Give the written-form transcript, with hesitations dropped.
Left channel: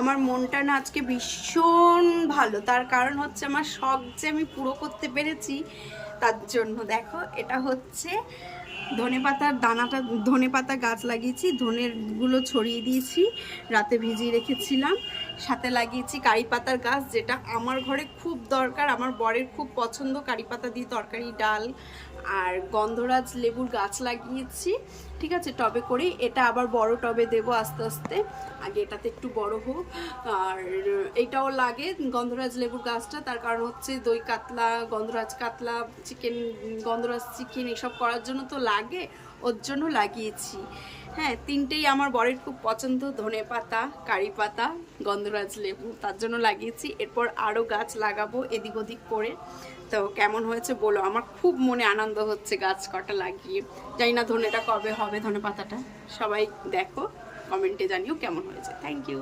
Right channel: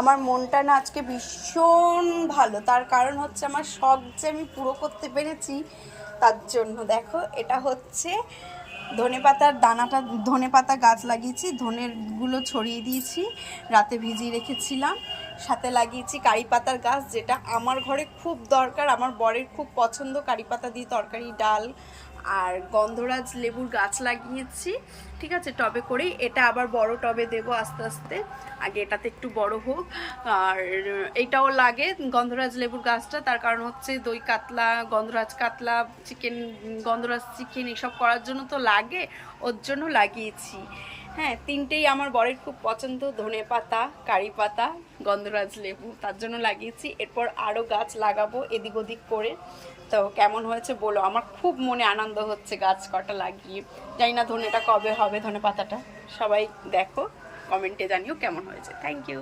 আমার মনটা না আজকে ভীষণ ভালো, তার কারণ হচ্ছে আমার শখ যে আমি পুরো করতে পেরেছি তার জন্য। দেখো এটা হচ্ছে ধনেপাতার দানাটা, ধনেপাতা গাছ লাগিয়েছি, ধনেরগুলো ছড়িয়ে দিয়েছি, রাতে ভিজিয়ে রেখেছিলাম। সাথে লাগিয়েছি কারি পাতার গাছ, যেটা আমার ঘরে খুব দরকার, আমার বরের খুব পছন্দ কারি পাতা দিয়ে তরকারি, ডাল। আর গন্ধরাজ লেবুর গাছ লাগিয়েছি, ঠিক আছে, টবে করেই। এটা আবার বড় টবে দেবো আস্তে আস্তে, আগে এটাতে একটু বড় হোক। আর এইটাও লাগে গন্ধরাজ লেবুর গাছটা, তার কারণ হচ্ছে দই কাতলা, গন্ধরাজ কাতলা, চিকেন, গন্ধরাজ চিকেন এসব করার জন্য তো লাগে, ওর জন্য লাগিয়েছি। হ্যাঁ, তিনটেই আমার বরের খুব পছন্দ, ধনে পাতা, কারি পাতা, গন্ধরাজ লেবু, তার জন্য লাগিয়েছি। এরপর আরও গাছ লাগাবো এদিক ওদিক করে। তো কেমন হয়েছে বলো, আমার খুব মনে আনন্দ হচ্ছে গাছ কটা লাগিয়ে। জানি না ধনেটা কবে হবে, ধনে পাতাটা। সবাই দেখো, কমেন্টে জানিও কেমন হয়েছে। Thank you.